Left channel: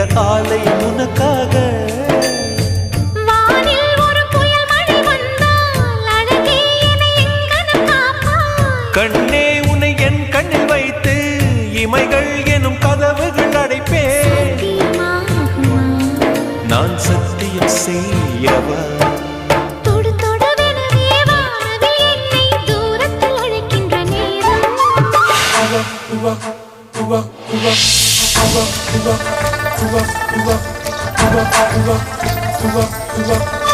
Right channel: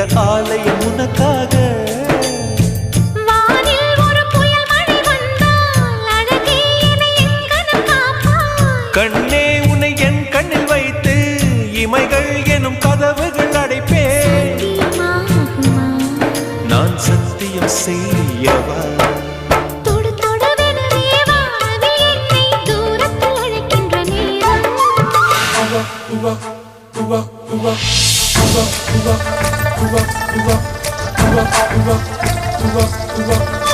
இந்த ஆலயம் உனக்காக. வானில் ஒரு புயல் மழை வந்தால் அழகே என்னை எங்கனம் காப்பாய். கண்ணே உன்னை என் கண்ணில் வைத்து இமைகள் எனும் கதவுகள் அடைப்பேன். சத்தியமாகுமா? நான் சத்தியம் செய்யவா? தொடு தொடுவெனவே வானவில் என்னை தூரத்தில் அழைக்கின்ற நேரம். Uva, uva, uva, uva, uva, uva, uva, uva, uva.